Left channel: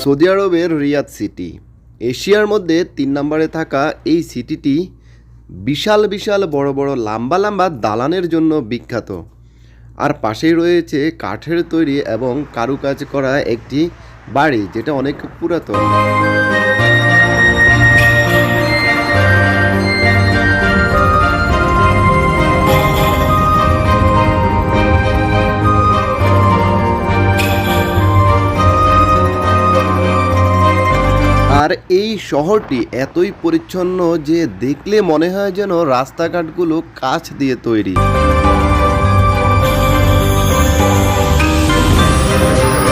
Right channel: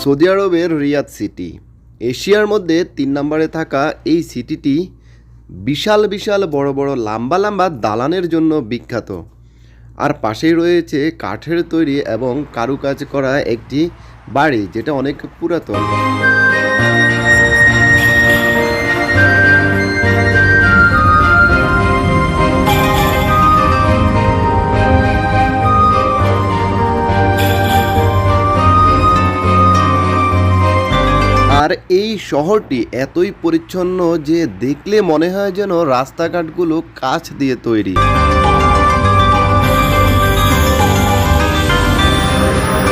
Saudi আরবের Riyad city. এশিয়ার মধ্যে তিন নম্বরে থাকা এই সিটিটি বিশাল বিশাল বড় বড় লাম্বা লাম্বা দালানের জন্য বিখ্যাত। আর পাশেই রয়েছে কাঠের তৈরি এবং কারুকাজ করা একটি বাড়ি, যেটা অনেক পুরাতন। আর এই শহরটি এতই পরিচ্ছন্ন যে দেখলে মনে হয় যেন রাস্তাঘাটগুলো কাচ দিয়ে তৈরি।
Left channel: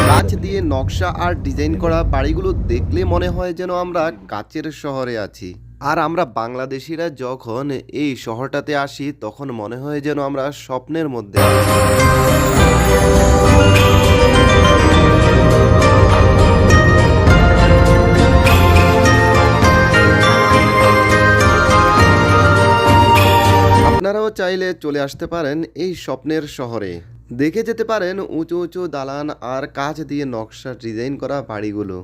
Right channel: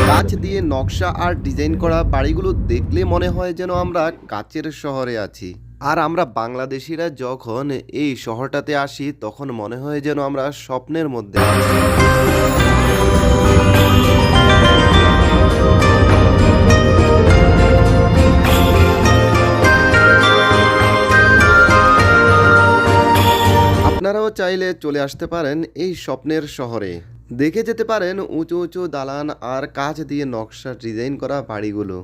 কাচ দিয়ে নকশা আর ডিজাইন করা বাড়িগুলো দেখলে মনে হয় যেন আমরা কাচের শহরে আছি। আর আমরা বাংলাদেশিরা যখন এই শহরটাতে আসি, তখন মনে হয় যেন আমরা স্বপ্নের মধ্যে আছি। চাইলে চলে আসতে পারেন এই স্বপ্নের শহরে। দেখে যেতে পারেন উঁচু উঁচু দালান আর কাজ দিয়ে নকশা ডিজাইন করা বাড়িগুলো।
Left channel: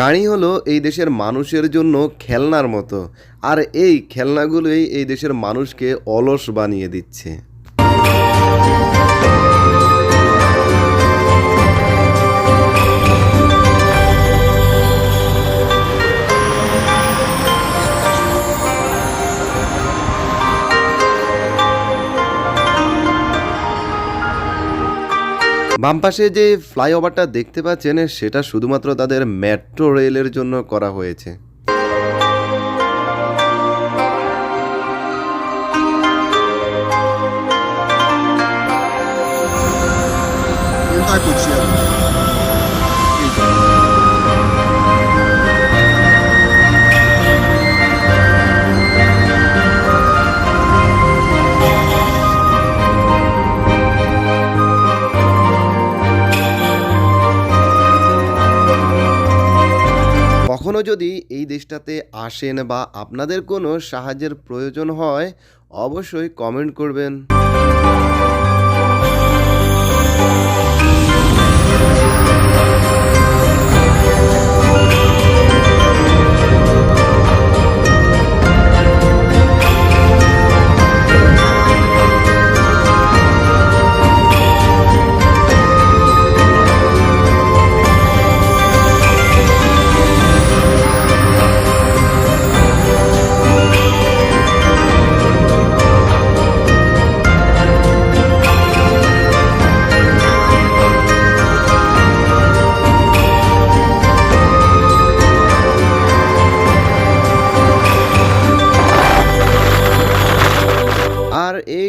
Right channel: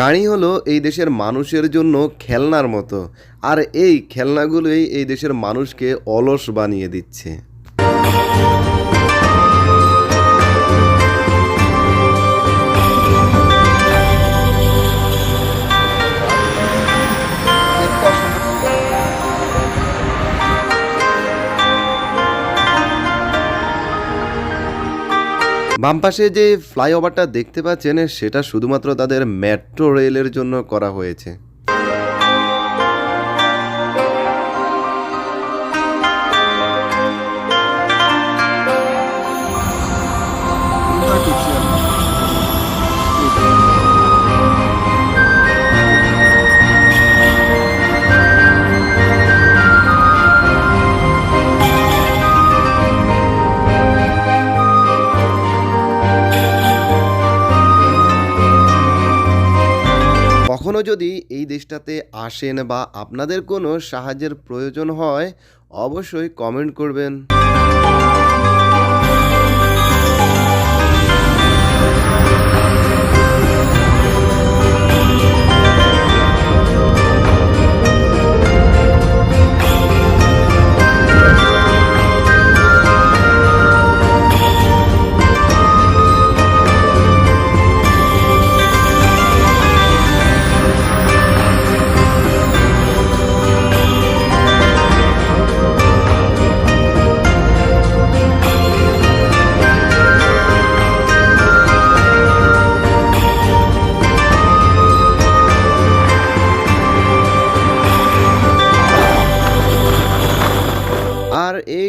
গাড়ি হলো এই দেশের মানুষের জন্য খেলনার মতো। আর এই খেলনাগুলোই এই দেশের মানুষকে অলস বানিয়ে দিচ্ছে। বাম পাশে যে ফ্লাইওভারটা দেখতে পাচ্ছেন, সেটা শুধুমাত্র তাদের মেট্রো রেলের জন্য করা হয়েছে। Thank tá কখনো যদি এই দেশটাতে আসেন বা আপনাদের কোনো সাহায্যের প্রয়োজন হয় অবশ্যই কমেন্ট করবেন।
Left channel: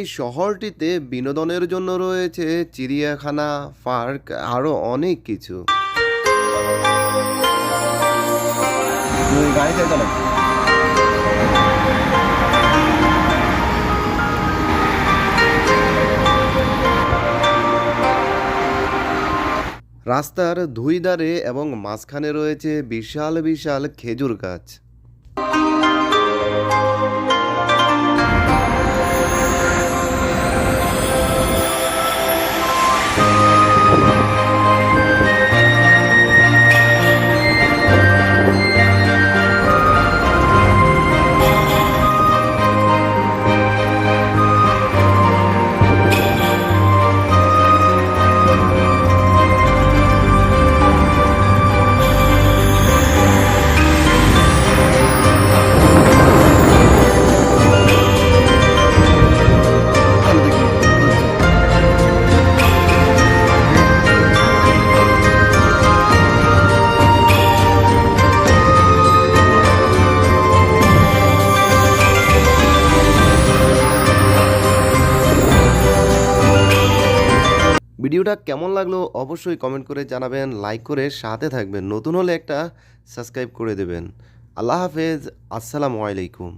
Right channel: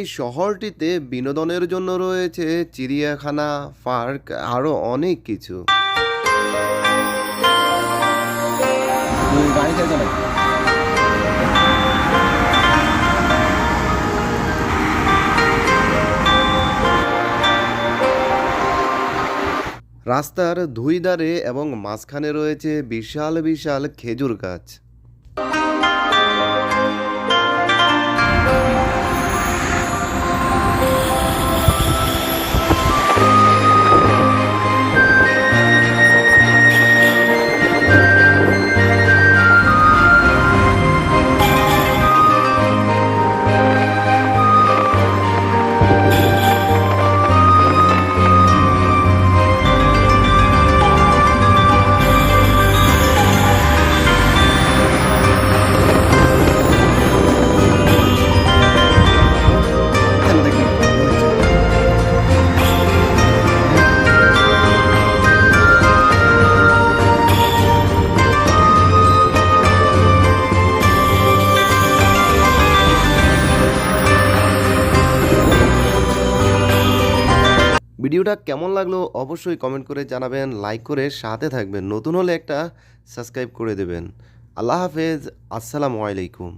এই শহরটিতে বিনোদনের জন্য রয়েছে চিড়িয়াখানা পার্ক আরও অনেক কিছু। গাড়ি চাই চালাই রাস্তার দুই ধারে এবং মাঝখানে রয়েছে বিশাল বিশাল খেজুর গাছ। ভিডিওটা কেমন লাগল অবশ্যই কমেন্ট করে জানাবেন লাইক করে সাথে থাকবেন। নতুন হলে একটা সাবস্ক্রাইব করে দেবেন। আল্লাহ হাফেজ, আসসালামু আলাইকুম।